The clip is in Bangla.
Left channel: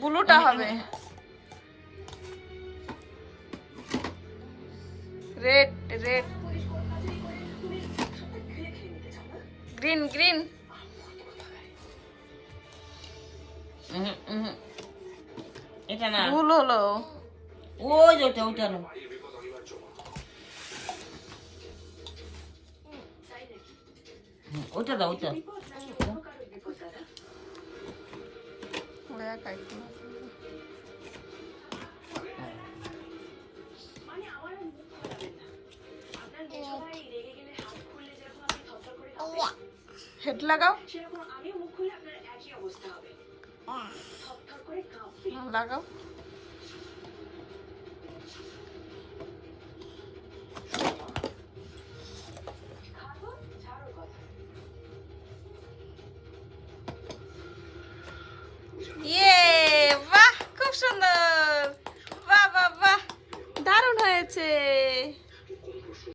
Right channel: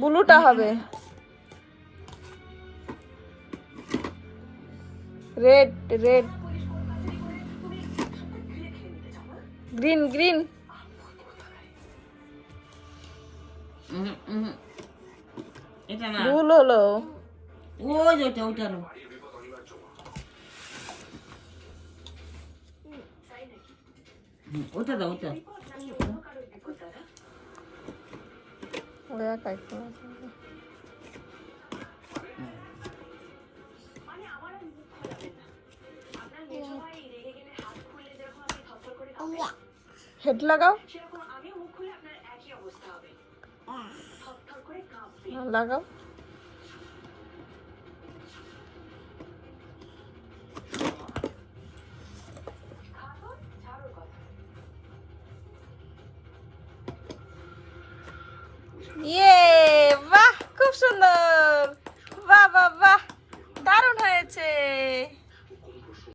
ব্লুটা হবে, রেড রেড, গ্রিন গ্রিন। এটা না, ভুল হলো। ওই যে ওইটা না। ওইটা দাও, ওইটা। ওই একাই খোলা। হেড লাগাও, লাগাও। ইয়ে, বাহ খুব সুন্দর, বাহ বাহ বাহ, দারুণ হয়েছে।